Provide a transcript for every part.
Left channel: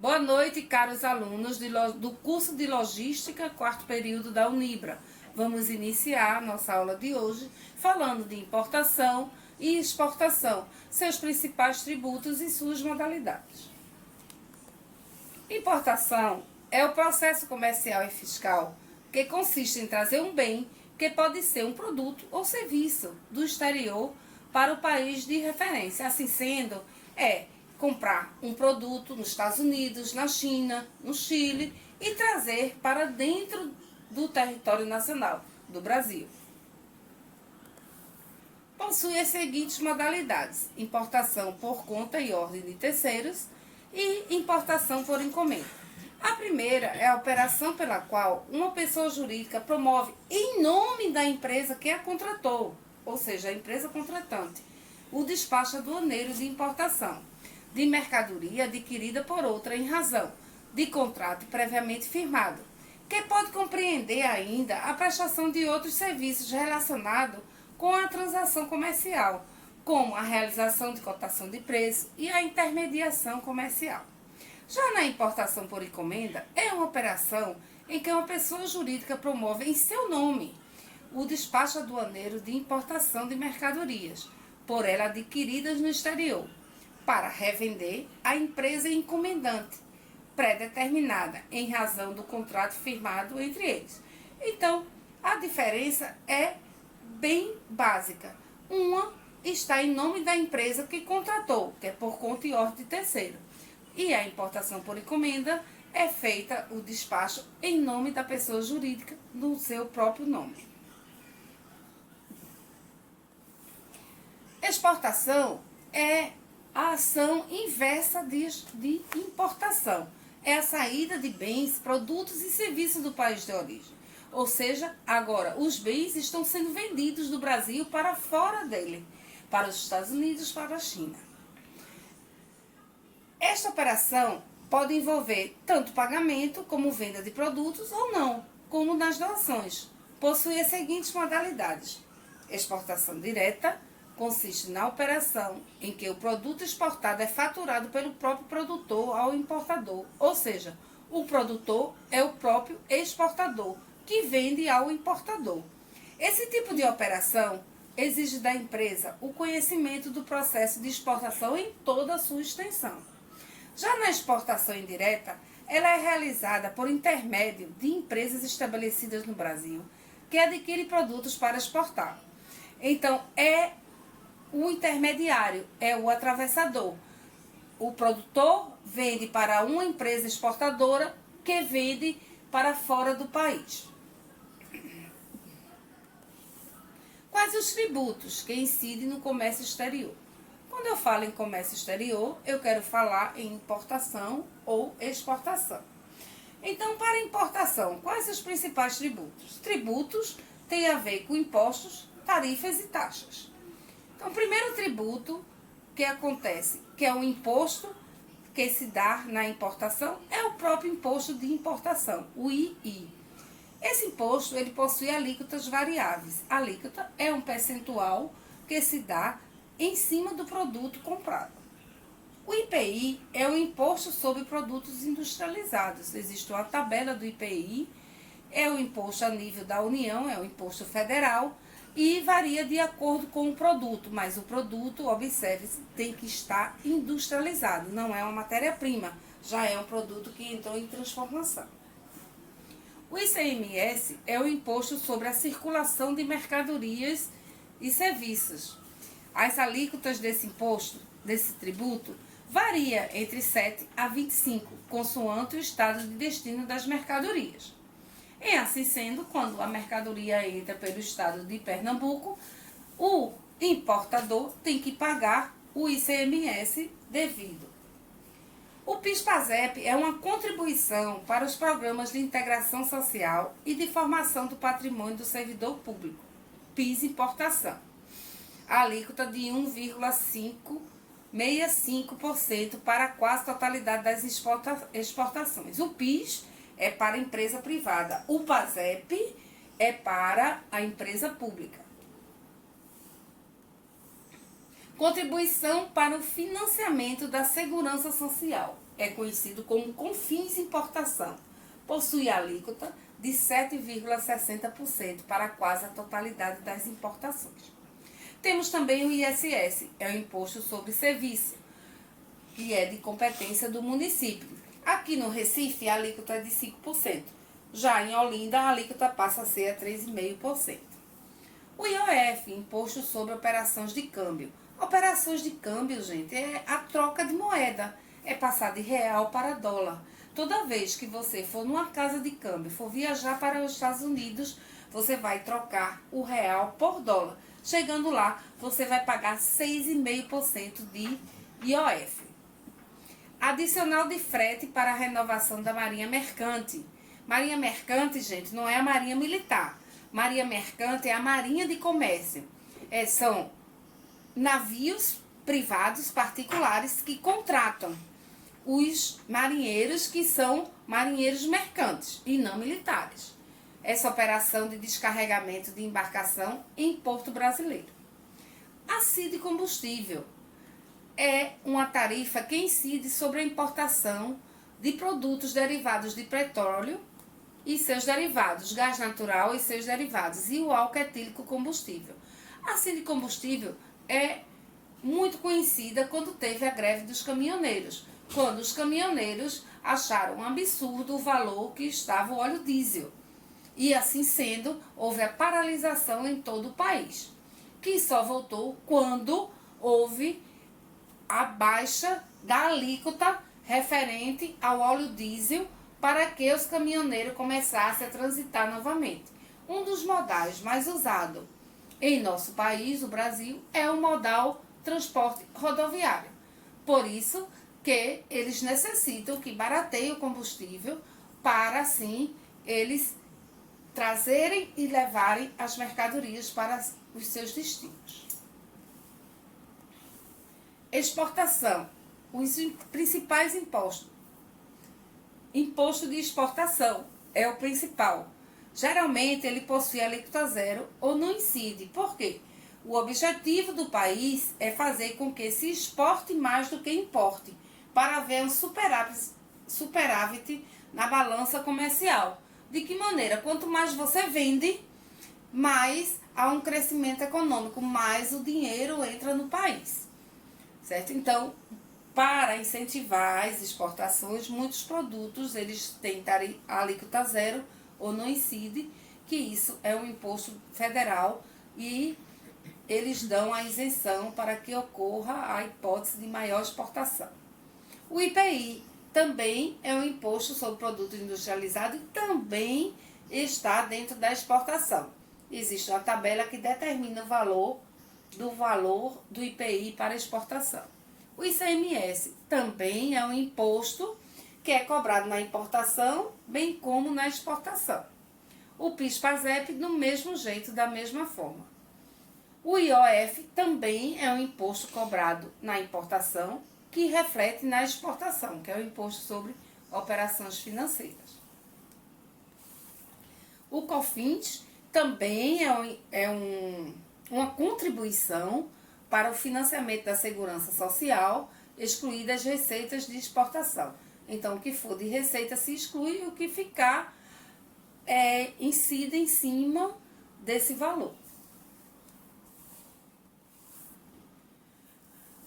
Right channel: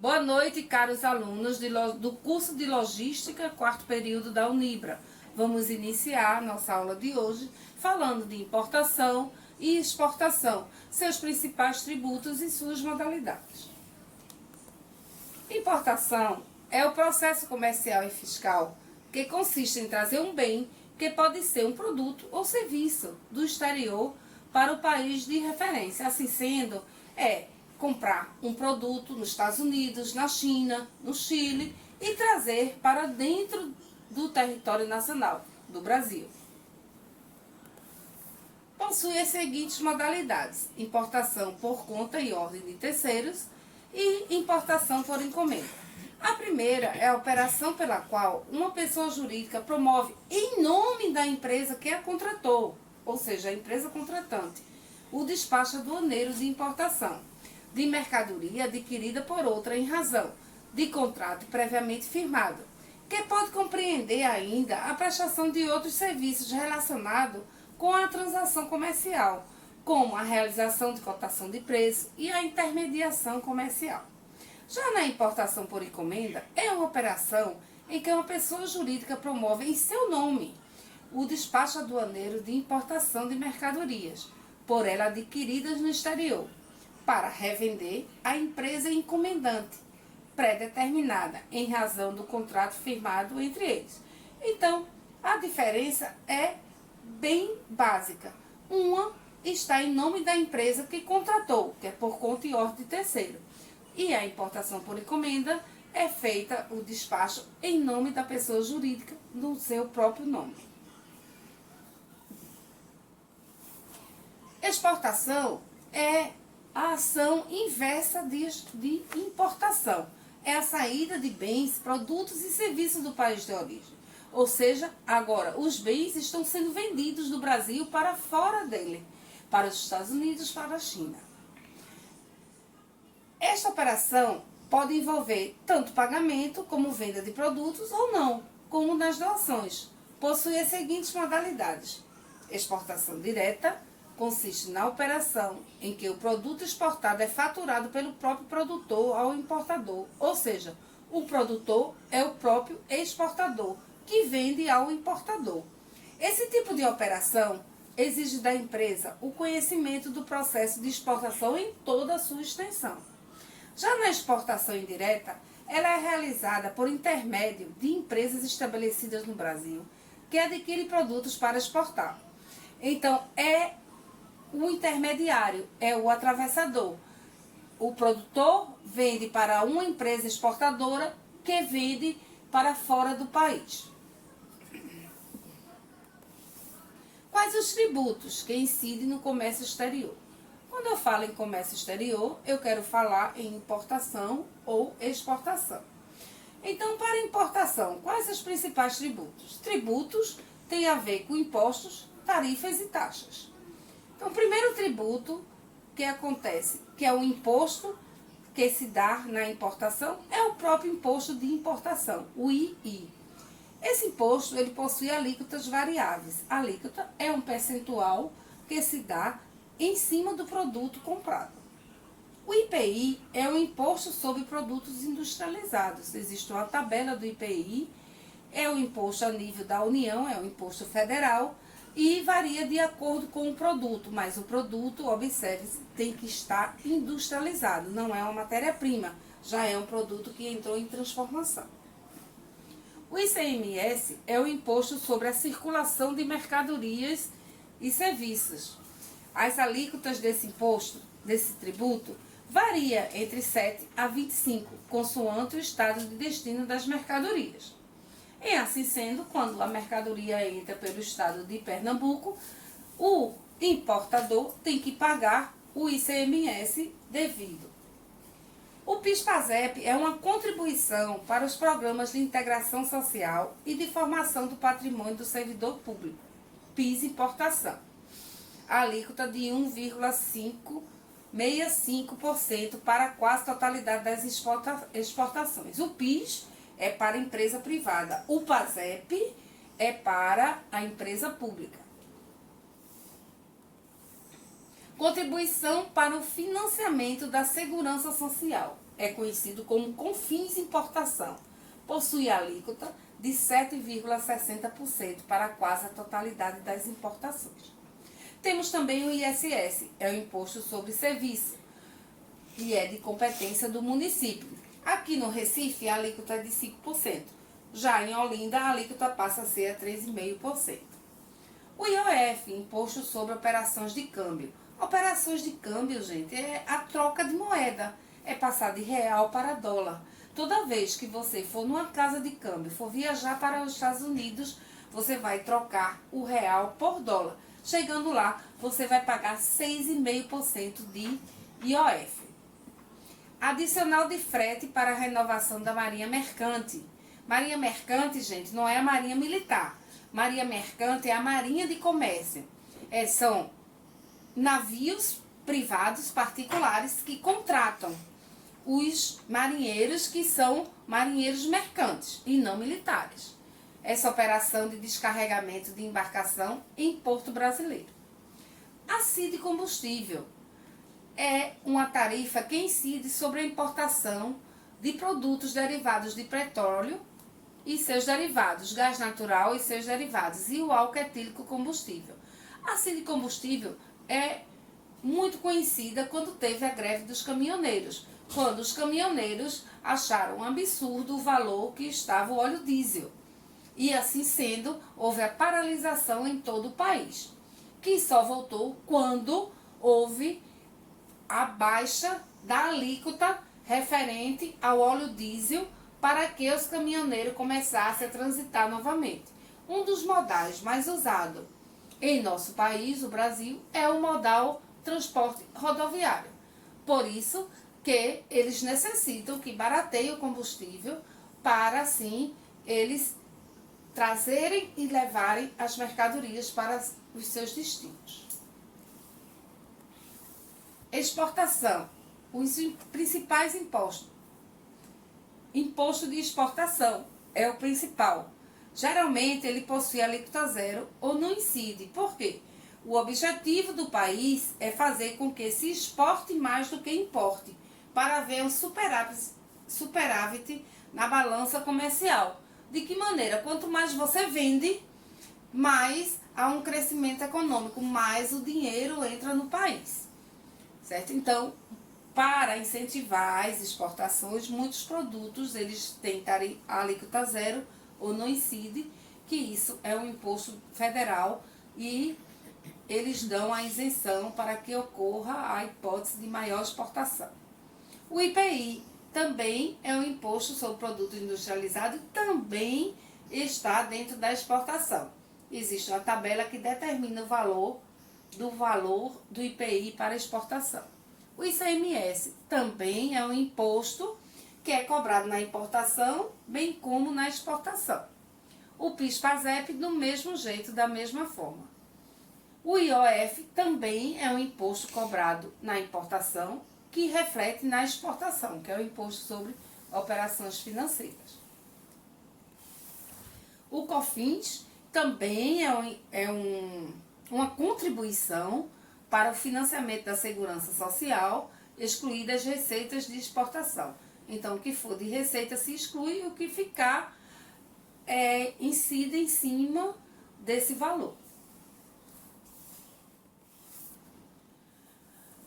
Boa noite, caros alunos do curso de Logística, quarto período da Unibra. Vamos iniciar nossa aula de hoje falando de importação e exportação, seus principais tributos e suas modalidades. Importação é o processo comercial e fiscal que consiste em trazer um bem, que pode ser um produto ou serviço, do exterior para o país de referência. Assim sendo, comprar um produto nos Estados Unidos, na China, no Chile e trazer para dentro do território nacional do Brasil. Possui as seguintes modalidades: importação por conta e ordem de terceiros e importação por encomenda. A primeira é a operação pela qual uma pessoa jurídica promove em nome da empresa que a contratou, ou seja, a empresa contratante, o despacho aduaneiro de importação de mercadoria adquirida por outra em razão de contrato previamente firmado, que pode compreender ainda a prestação de outros serviços relacionados com a transação comercial, como a realização de cotação de preço e a intermediação comercial. Já na importação por encomenda, é uma operação em que uma pessoa jurídica promove em seu nome o despacho aduaneiro de importação de mercadorias, por ela adquiridas no exterior, para revender à empresa encomendante, pré-determinada em razão do contrato firmado entre eles. Então, a diferença é bem básica. Uma está em nome da empresa que contratou, que é por conta e ordem de terceiro. E a importação por encomenda é feita o despacho em nome da pessoa jurídica, no seu próprio nome. Exportação é a ação inversa de importação. É a saída de bens, produtos e serviços do país de origem. Ou seja, agora os bens estão sendo vendidos do Brasil para fora dele, para os Estados Unidos, para a China. Esta operação pode envolver tanto pagamento como venda de produtos ou não, como nas doações. Possui as seguintes modalidades: exportação direta, consiste na operação em que o produto exportado é faturado pelo próprio produtor ao importador, ou seja, o produtor é o próprio exportador, que vende ao importador. Esse tipo de operação exige da empresa o conhecimento do processo de exportação em toda a sua extensão. Já na exportação indireta, ela é realizada por intermédio de empresas estabelecidas no Brasil, que adquirem produtos para exportar. Então, o intermediário é o atravessador. O produtor vende para uma empresa exportadora que vende para fora do país. Quais os tributos que incidem no comércio exterior? Quando eu falo em comércio exterior, eu quero falar em importação ou exportação. Então, para importação, quais os principais tributos? Tributos têm a ver com impostos, tarifas e taxas. Então, o primeiro tributo que acontece, que é o imposto que se dá na importação, é o próprio imposto de importação, o II. Esse imposto, ele possui alíquotas variáveis. A alíquota é um percentual que se dá em cima do produto comprado. O IPI é o imposto sobre produtos industrializados. Existe uma tabela do IPI, é o imposto a nível da União, é o imposto federal, e varia de acordo com o produto, mas o produto, observe, tem que estar industrializado, não é uma matéria-prima, já é um produto que entrou em transformação. O ICMS é o imposto sobre a circulação de mercadorias e serviços. As alíquotas desse imposto, desse tributo, varia entre 7 a 25, consoante o estado de destino das mercadorias. E assim sendo, quando a mercadoria entra pelo estado de Pernambuco, o importador tem que pagar o ICMS devido. O PIS/PASEP é uma contribuição para os programas de integração social e de formação do patrimônio do servidor público, PIS importação. A alíquota de 1,565% para a quase totalidade das exportações. O PIS é para a empresa privada. O PASEP é para a empresa pública. Contribuição para o financiamento da segurança social. é conhecido como Confins Importação. Possui alíquota de 7,60% para quase a totalidade das importações. Temos também o ISS, é o Imposto sobre Serviço, que é de competência do município. Aqui no Recife, a alíquota é de 5%. Já em Olinda, a alíquota passa a ser a 3,5%. O IOF, Imposto sobre Operações de Câmbio. Operações de câmbio, gente, é a troca de moeda. É passar de real para dólar. Toda vez que você for numa casa de câmbio, for viajar para os Estados Unidos, você vai trocar o real por dólar. Chegando lá, você vai pagar 6,5% de IOF. Adicional de frete para a renovação da Marinha Mercante. Marinha Mercante, gente, não é a Marinha Militar. Marinha Mercante é a Marinha de Comércio. São navios privados, particulares, que contratam os marinheiros que são marinheiros mercantes e não militares. Essa operação de descarregamento de embarcação em Porto Brasileiro. A CID Combustível é uma tarifa que incide sobre a importação de produtos derivados de petróleo e seus derivados, gás natural e seus derivados, e o álcool etílico combustível. A CID Combustível é muito conhecida quando teve a greve dos caminhoneiros, quando os caminhoneiros acharam um absurdo o valor que estava o óleo diesel. E assim sendo, houve a paralisação em todo o país, que só voltou quando houve a baixa da alíquota referente ao óleo diesel para que os caminhoneiros começassem a transitar novamente. Um dos modais mais usados em nosso país, o Brasil, é o modal transporte rodoviário. Por isso que eles necessitam que barateie o combustível para, assim, eles trazerem e levarem as mercadorias para os seus destinos. Exportação. Os principais impostos. Imposto de exportação é o principal. Geralmente ele possui alíquota zero ou não incide. Por quê? O objetivo do país é fazer com que se exporte mais do que importe, para haver um superávit na balança comercial. De que maneira? Quanto mais você vende, mais há um crescimento econômico, mais o dinheiro entra no país. Certo? Então, para incentivar as exportações, muitos produtos eles têm a alíquota zero ou não incide, que isso é um imposto federal e eles dão a isenção para que ocorra a hipótese de maior exportação. O IPI também é um imposto sobre produto industrializado e também está dentro da exportação. Existe uma tabela que determina o valor do IPI para exportação. O ICMS também é um imposto que é cobrado na importação, bem como na exportação. O PIS/PASEP do mesmo jeito, da mesma forma. O IOF também é um imposto cobrado na importação, que reflete na exportação, que é o imposto sobre operações financeiras. O COFINS também uma contribuição para o financiamento da segurança social, excluídas as receitas de exportação. Então, o que for de receita se exclui, o que ficar incide em cima desse valor.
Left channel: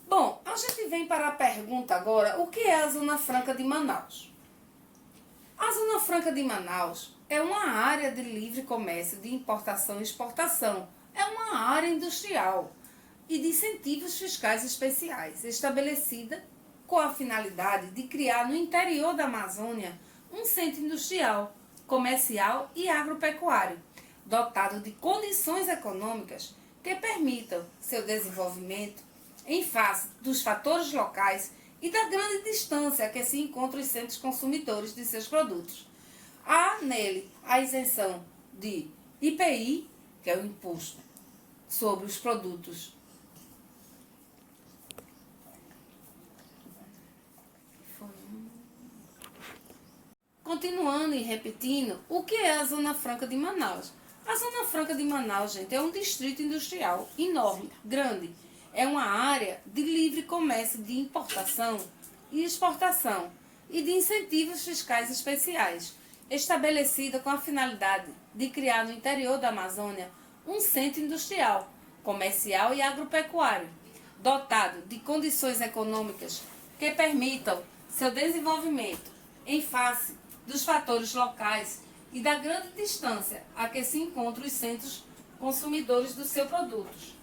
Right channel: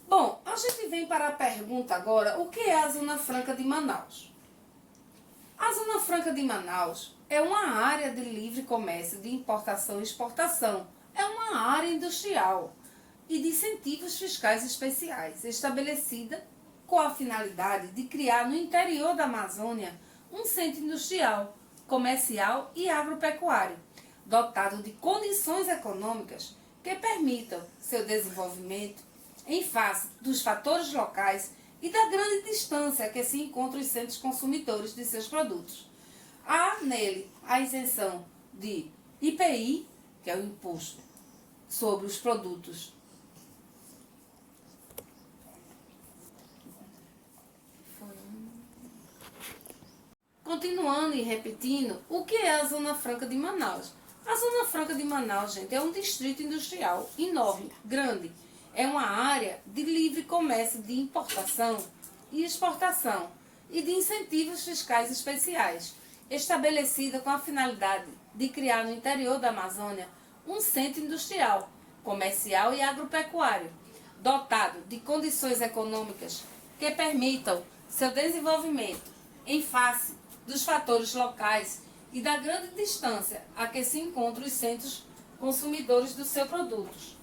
Bom, a gente vem para a pergunta agora, o que é a Zona Franca de Manaus? A Zona Franca de Manaus é uma área de livre comércio de importação e exportação. É uma área industrial e de incentivos fiscais especiais, estabelecida com a finalidade de criar no interior da Amazônia um centro industrial, comercial e agropecuário, dotado de condições econômicas que permitam seu desenvolvimento em face dos fatores locais e da grande distância que se encontram os centros consumidores de seus produtos. Há nele a isenção de IPI, que é o imposto sobre os produtos Continuando e repetindo, o que é a Zona Franca de Manaus? A Zona Franca de Manaus, gente, é um distrito industrial enorme, grande. É uma área de livre comércio de importação e exportação. e de incentivos fiscais especiais, estabelecida com a finalidade de criar no interior da Amazônia um centro industrial, comercial e agropecuário, dotado de condições econômicas que permitam seu desenvolvimento em face dos fatores locais e da grande distância a que se encontram os centros consumidores dos seus produtos.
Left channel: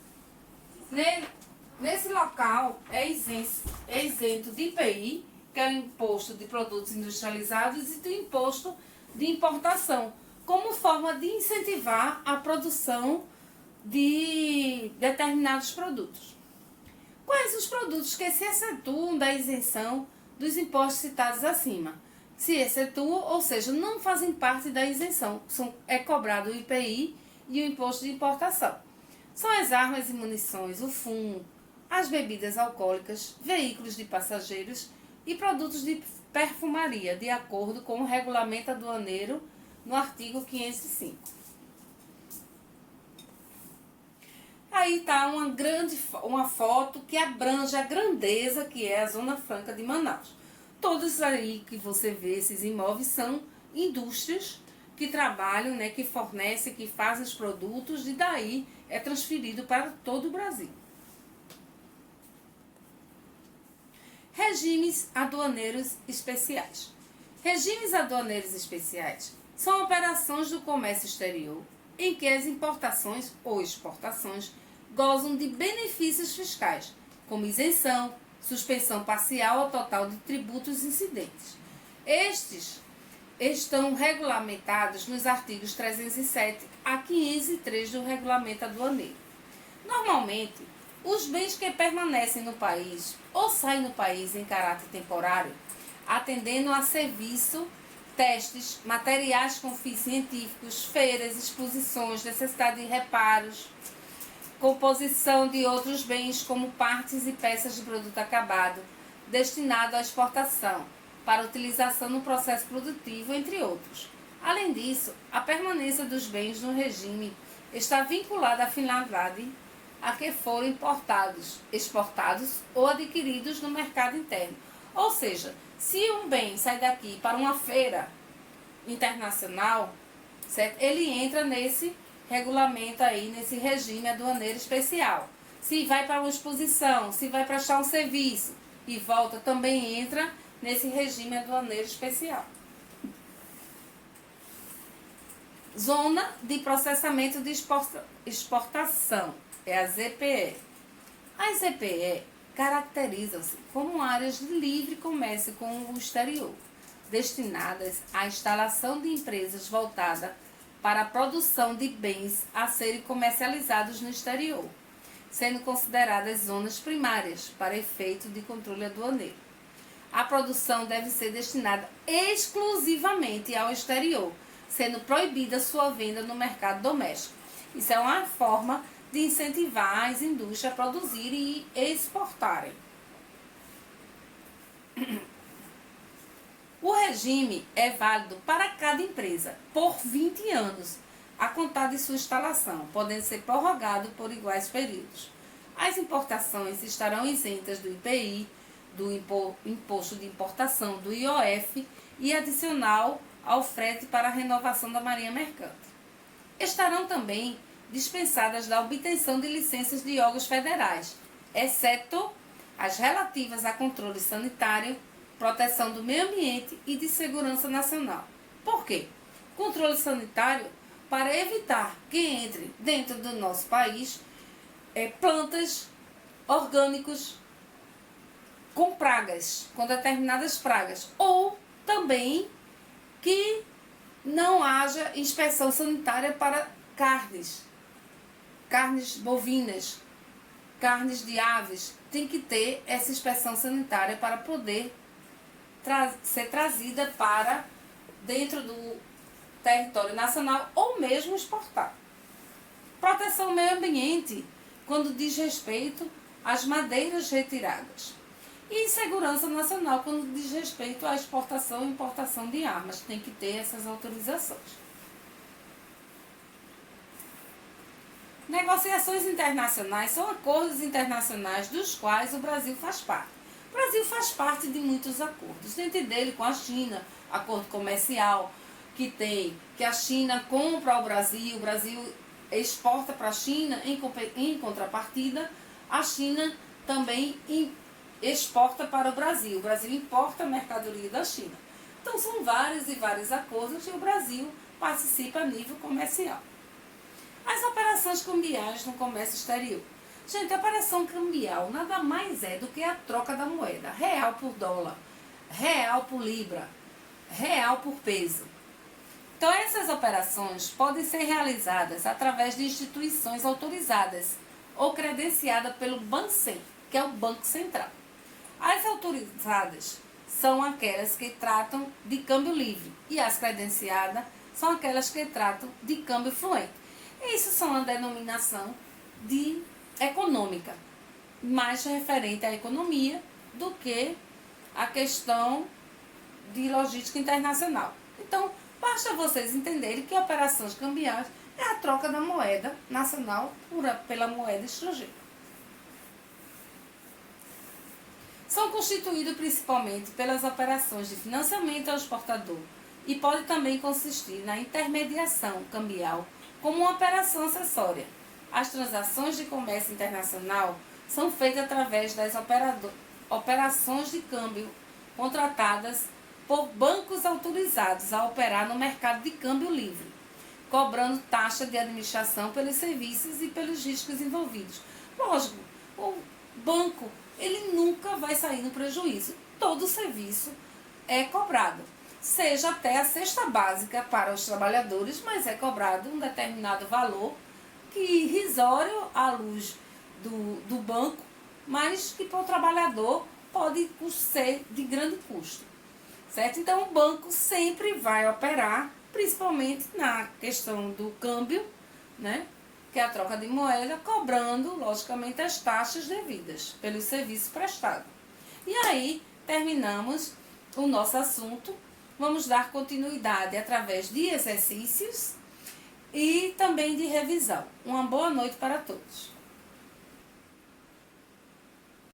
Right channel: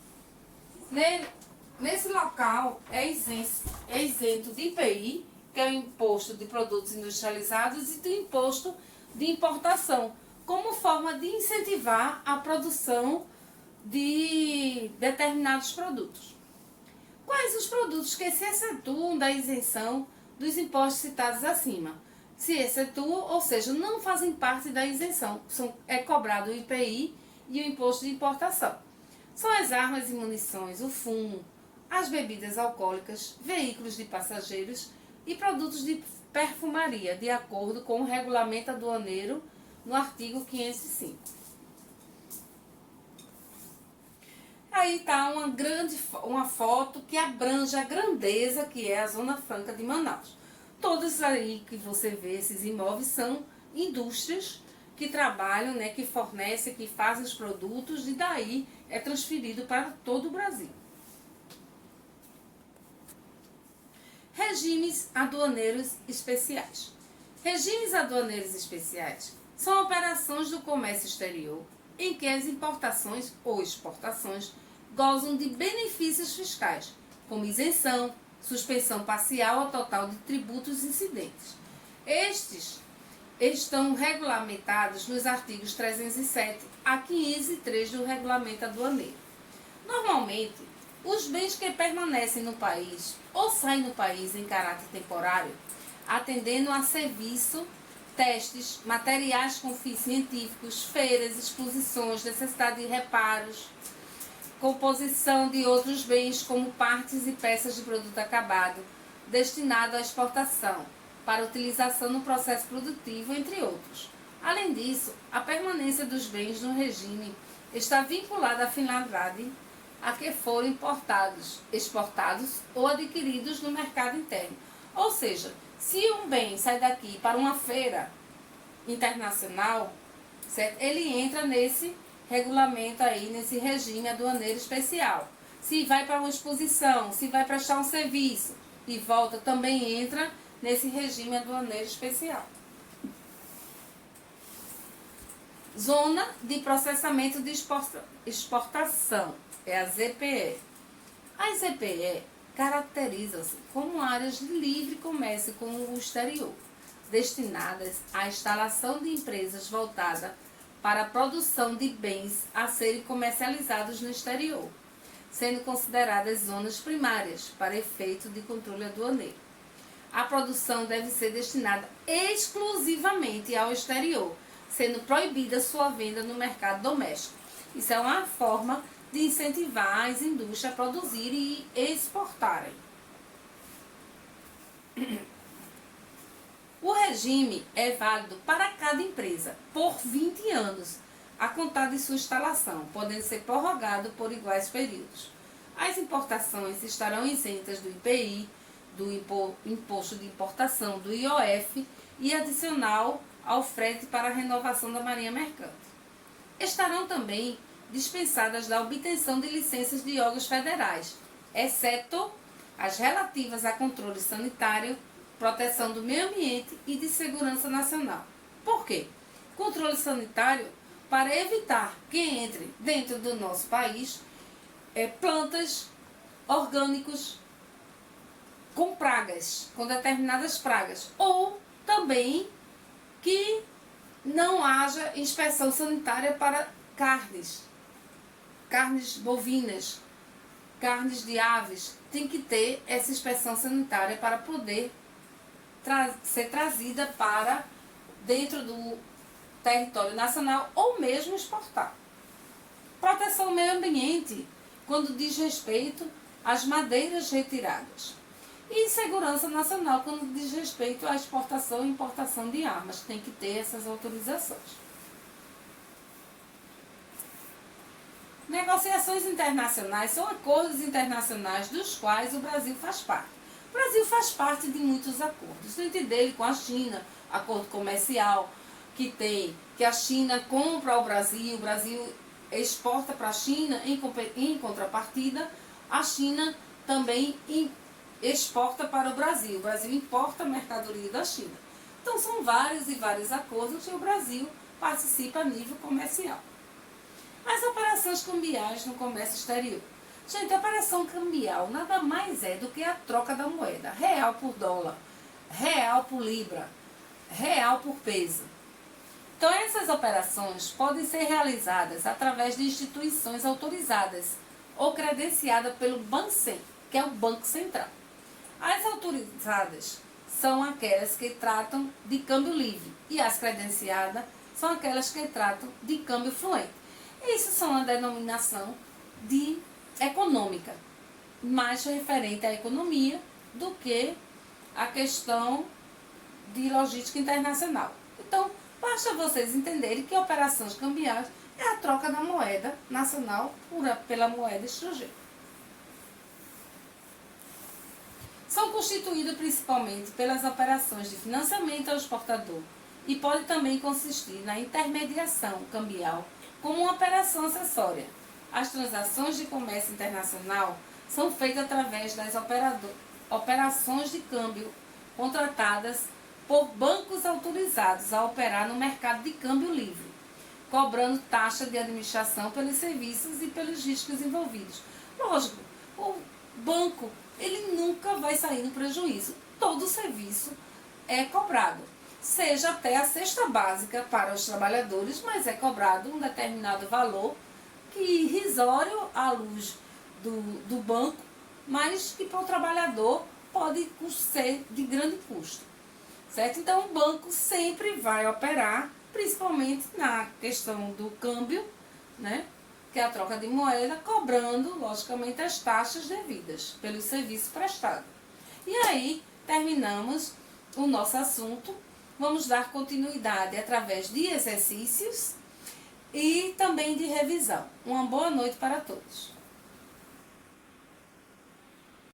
Nesse local é isento de IPI, que é o Imposto de Produtos Industrializados, e do Imposto de Importação, como forma de incentivar a produção de determinados produtos. Quais os produtos que se excetuam da isenção dos impostos citados acima? Se excetuam, ou seja, não fazem parte da isenção, é cobrado o IPI e o Imposto de Importação. São as armas e munições, o fumo, as bebidas alcoólicas, veículos de passageiros e produtos de perfumaria, de acordo com o regulamento aduaneiro no artigo 505. Aí está uma foto que abrange a grandeza que é a Zona Franca de Manaus. Todos aí que você vê, esses imóveis, são indústrias que trabalham, né, que fornecem, que fazem os produtos, e daí é transferido para todo o Brasil. Regimes aduaneiros especiais. Regimes aduaneiros especiais são operações do comércio exterior em que as importações ou exportações gozam de benefícios fiscais, como isenção, suspensão parcial ou total de tributos incidentes. Estes estão regulamentados nos artigos 307 a 503 do Regulamento Aduaneiro. Normalmente, os bens que permanecem no país ou saem do país em caráter temporário, atendendo a serviço, testes, materiais com fins científicos, feiras, exposições, necessidade de reparos, composição de outros bens como partes e peças de produto acabado, destinado à exportação, para utilização no processo produtivo, entre outros. Além disso, a permanência dos bens no regime está vinculada à finalidade a que foram importados, exportados ou adquiridos no mercado interno. Ou seja, se um bem sai daqui para uma feira internacional, certo? Ele entra nesse regulamento aí, nesse regime aduaneiro especial. Se vai para uma exposição, se vai prestar um serviço e volta, também entra nesse regime aduaneiro especial. Zona de Processamento de Exportação, é a ZPE. As ZPE caracterizam-se como áreas de livre comércio com o exterior, destinadas à instalação de empresas voltadas para a produção de bens a serem comercializados no exterior, sendo consideradas zonas primárias para efeito de controle aduaneiro. A produção deve ser destinada exclusivamente ao exterior, sendo proibida sua venda no mercado doméstico. Isso é uma forma de incentivar as indústrias a produzirem e exportarem. O regime é válido para cada empresa por 20 anos, a contar de sua instalação, podendo ser prorrogado por iguais períodos. As importações estarão isentas do IPI, do Imposto de Importação, do IOF e adicional ao frete para a renovação da marinha mercante. Estarão também dispensadas da obtenção de licenças de órgãos federais, exceto as relativas a controle sanitário, proteção do meio ambiente e de segurança nacional. Por quê? Controle sanitário para evitar que entre dentro do nosso país plantas orgânicos com pragas, com determinadas pragas, ou também que não haja inspeção sanitária para carnes bovinas, carnes de aves. Tem que ter essa inspeção sanitária para poder ser trazida para dentro do território nacional ou mesmo exportar. Proteção ao meio ambiente, quando diz respeito às madeiras retiradas. E segurança nacional, quando diz respeito à exportação e importação de armas. Tem que ter essas autorizações. Negociações internacionais são acordos internacionais dos quais o Brasil faz parte, O Brasil faz parte de muitos acordos, dentre dele com a China, acordo comercial que a China compra ao Brasil, o Brasil exporta para a China, em contrapartida, a China também exporta para o Brasil importa a mercadoria da China. Então são vários e vários acordos e o Brasil participa a nível comercial. As operações cambiais no comércio exterior. Gente, a operação cambial nada mais é do que a troca da moeda, real por dólar, real por libra, real por peso. Então essas operações podem ser realizadas através de instituições autorizadas ou credenciadas pelo Bancen, que é o Banco Central. As autorizadas são aquelas que tratam de câmbio livre e as credenciadas são aquelas que tratam de câmbio fluente. Isso são uma denominação de econômica, mais referente à economia do que a questão de logística internacional. Então, basta vocês entenderem que operações cambiais é a troca da moeda nacional pela moeda estrangeira. São constituídos principalmente pelas operações de financiamento ao exportador e pode também consistir na intermediação cambial como uma operação acessória. As transações de comércio internacional são feitas através das operações de câmbio contratadas por bancos autorizados a operar no mercado de câmbio livre, cobrando taxa de administração pelos serviços e pelos riscos envolvidos. Lógico, o banco ele nunca vai sair no prejuízo. Todo serviço é cobrado, seja até a cesta básica para os trabalhadores, mas é cobrado um determinado valor que irrisório à luz do banco, mas que para o trabalhador pode ser de grande custo, certo? Então o banco sempre vai operar, principalmente na questão do câmbio, né? Que é a troca de moeda, cobrando, logicamente, as taxas devidas pelos serviços prestados. E aí, terminamos o nosso assunto. Vamos dar continuidade através de exercícios e também de revisão. Uma boa noite para todos.